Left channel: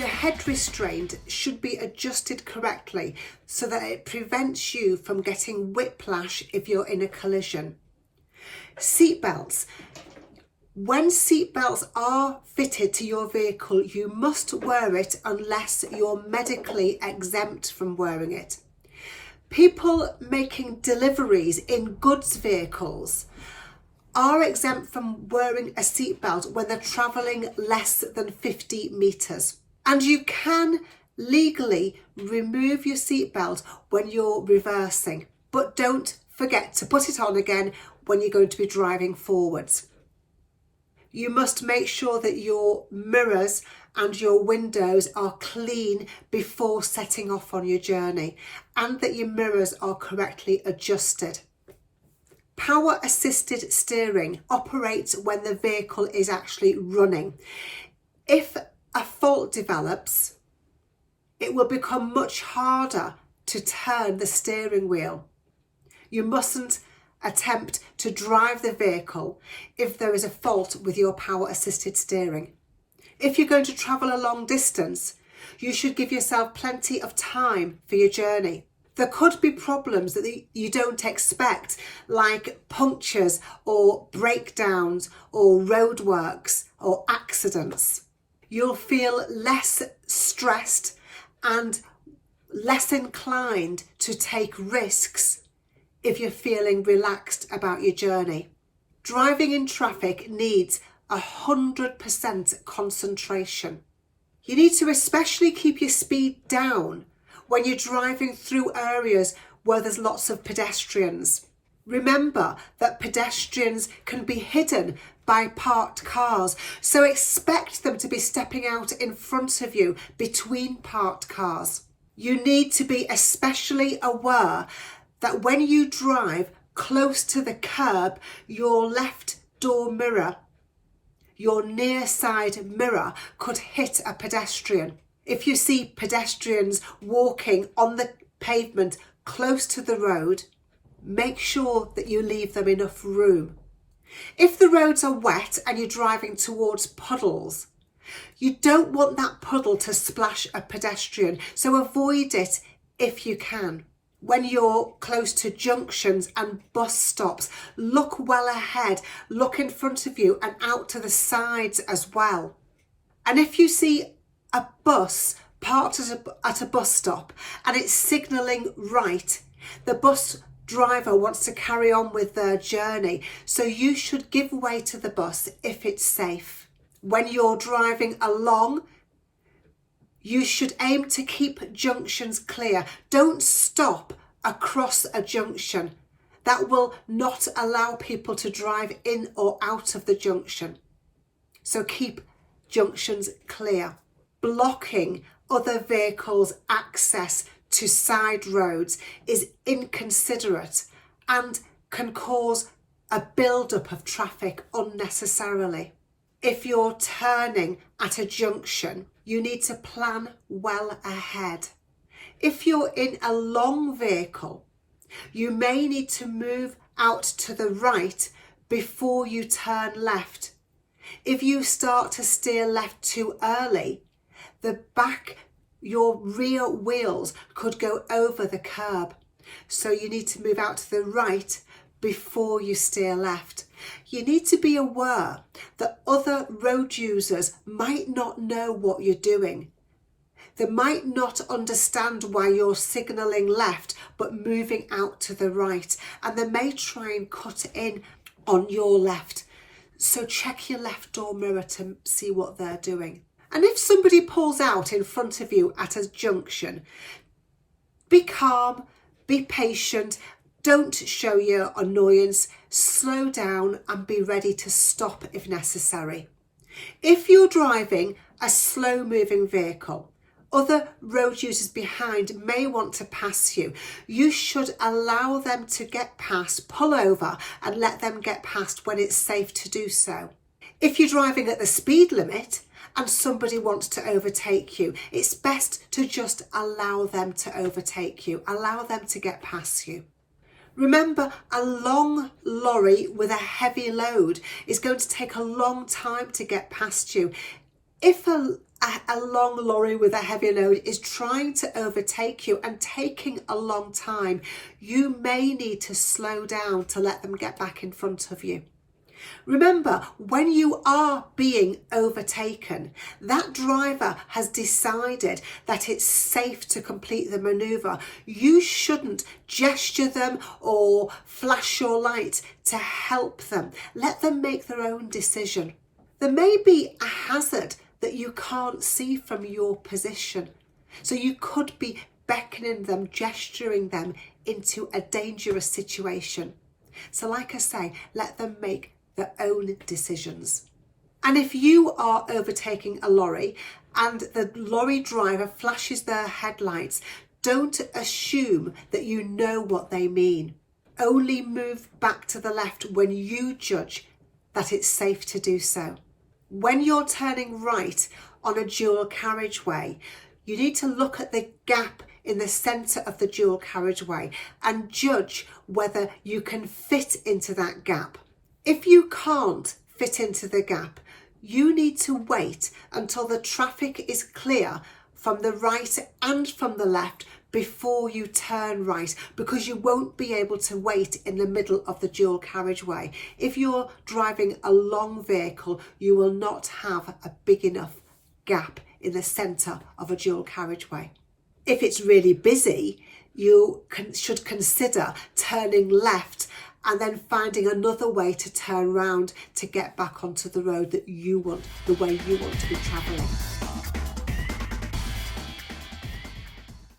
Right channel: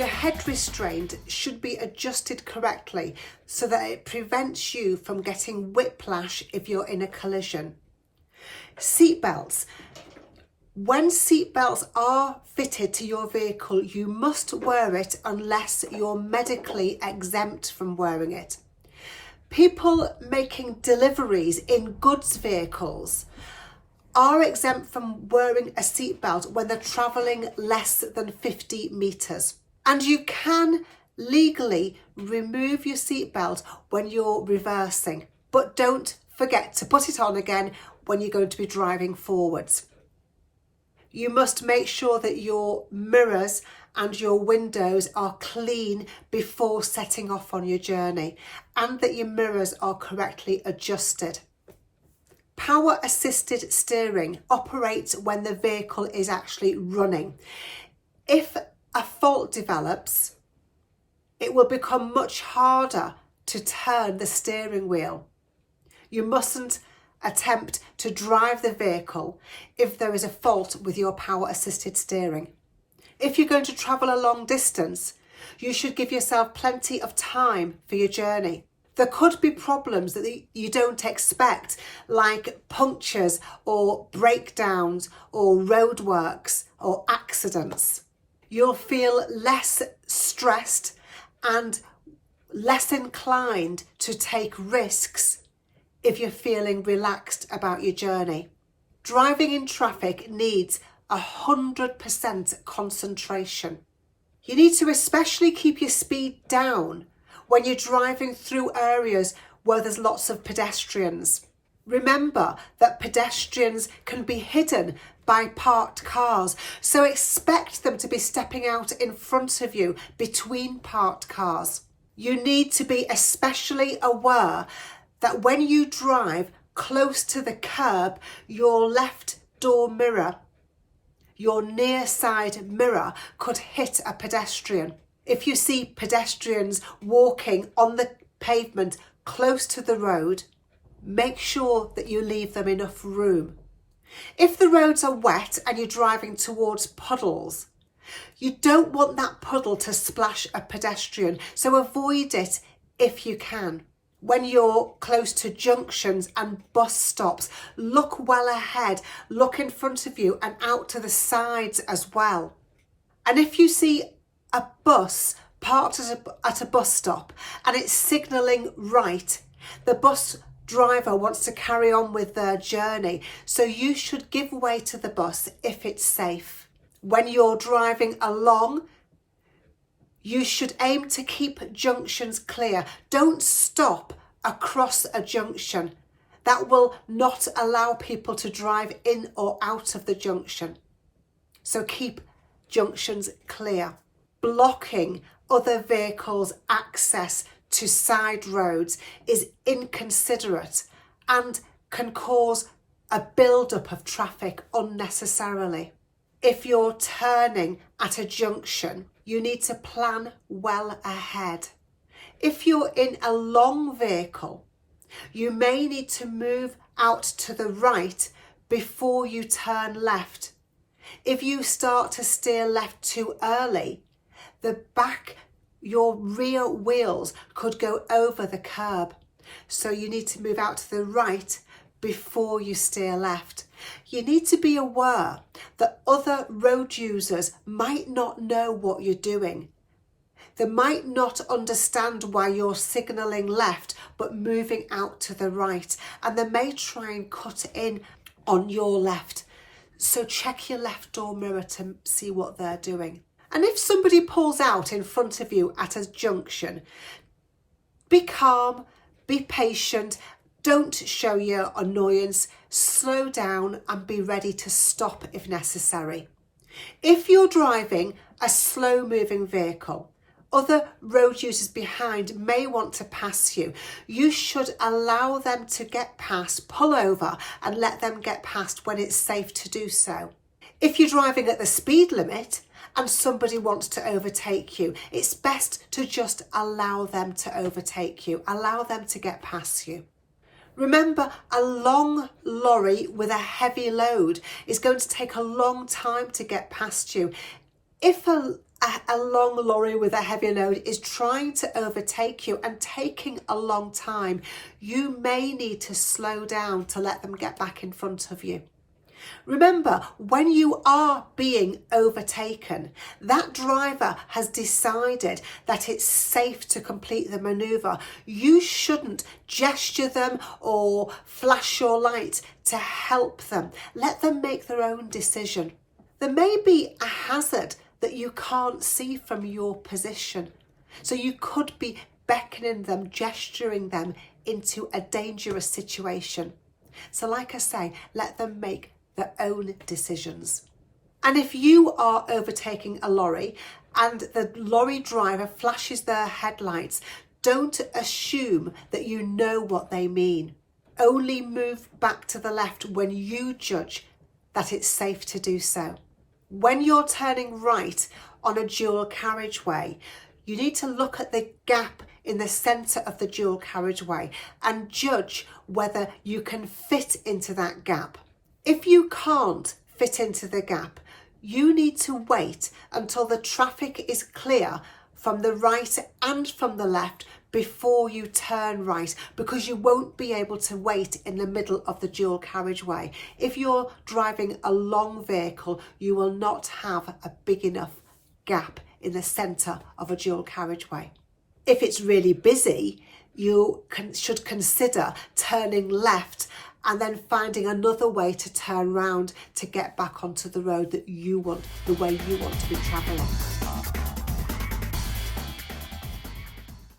Your head restraint should be adjusted correctly so that it prevents you from getting whiplash if you're in a collision. Seatbelts. When seatbelts are fitted to your vehicle, you must wear it unless you're medically exempt from wearing it. People making deliveries in goods vehicles are exempt from wearing a seatbelt when they're travelling less than 50 metres. And you can legally remove your seatbelt when you're reversing, but don't forget to put it on again when you're going to be driving forwards. You must make sure that your mirrors and your windows are clean before setting off on your journey, and that your mirrors are correctly adjusted. Power assisted steering operates when the vehicle is actually running. If a fault develops, it will become much harder to turn the steering wheel. You mustn't attempt to drive the vehicle if there is a fault with your power assisted steering. If you're going to travel a long distance, you should give yourself plenty of time for your journey. There could be problems that you don't expect, like punctures or breakdowns or roadworks or accidents. You'll feel less stressed and less inclined to take risks if you're feeling relaxed about your journey. Driving in traffic needs 100% concentration. You need to especially keep your speed down when you're driving through areas where there's lots of pedestrians. Remember that pedestrians can be hidden by parked cars, so expect them to be stepping out in front of you between parked cars. You need to be especially aware that when you drive close to the curb, your left door mirror, your near side mirror, could hit a pedestrian. If you see pedestrians walking on the pavement close to the road, make sure that you leave them enough room. If the roads are wet and you're driving towards puddles, you don't want that puddle to splash a pedestrian, so avoid it if you can. When you're close to junctions and bus stops, look well ahead, look in front of you and out to the sides as well. And if you see a bus parked at a bus stop and it's signalling right, the bus driver wants to carry on with their journey, so you should give way to the bus if it's safe. When you're driving along, you should aim to keep junctions clear. Don't stop across a junction. That will not allow people to drive in or out of the junction. So keep junctions clear. Blocking other vehicles' access to side roads is inconsiderate and can cause a build-up of traffic unnecessarily. If you're turning at a junction, you need to plan well ahead. If you're in a long vehicle, you may need to move out to the right before you turn left. If you start to steer left too early, your rear wheels could go over the curb. So you need to move out to the right before you steer left. You need to be aware that other road users might not know what you're doing. They might not understand why you're signalling left but moving out to the right, and they may try and cut in on your left. So check your left door mirror to see what they're doing. And if somebody pulls out in front of you at a junction, be calm, be patient, don't show your annoyance, slow down and be ready to stop if necessary. If you're driving a slow moving vehicle, other road users behind may want to pass you. You should allow them to get past, pull over and let them get past when it's safe to do so. If you're driving at the speed limit and somebody wants to overtake you, it's best to just allow them to overtake you, allow them to get past you. Remember, a long lorry with a heavy load is going to take a long time to get past you. If a a long lorry with a heavy load is trying to overtake you and taking a long time, you may need to slow down to let them get back in front of you. Remember, when you are being overtaken, that driver has decided that it's safe to complete the manoeuvre. You shouldn't gesture them or flash your light to help them. Let them make their own decision. There may be a hazard that you can't see from your position, so you could be beckoning them, gesturing them into a dangerous situation. So like I say, let them make their own decisions. And if you are overtaking a lorry and the lorry driver flashes their headlights, don't assume that you know what they mean. Only move back to the left when you judge that it's safe to do so. When you're turning right on a dual carriageway, you need to look at the gap in the centre of the dual carriageway and judge whether you can fit into that gap. If you can't fit into the gap, you need to wait until the traffic is clear from the right and from the left before you turn right, because you won't be able to wait in the middle of the dual carriageway. If you're driving a long vehicle, you will not have a big enough gap in the centre of a dual carriageway. If it's really busy, you should consider turning left and then finding another way to turn round to get back onto the road that you want, the way you want to be travelling.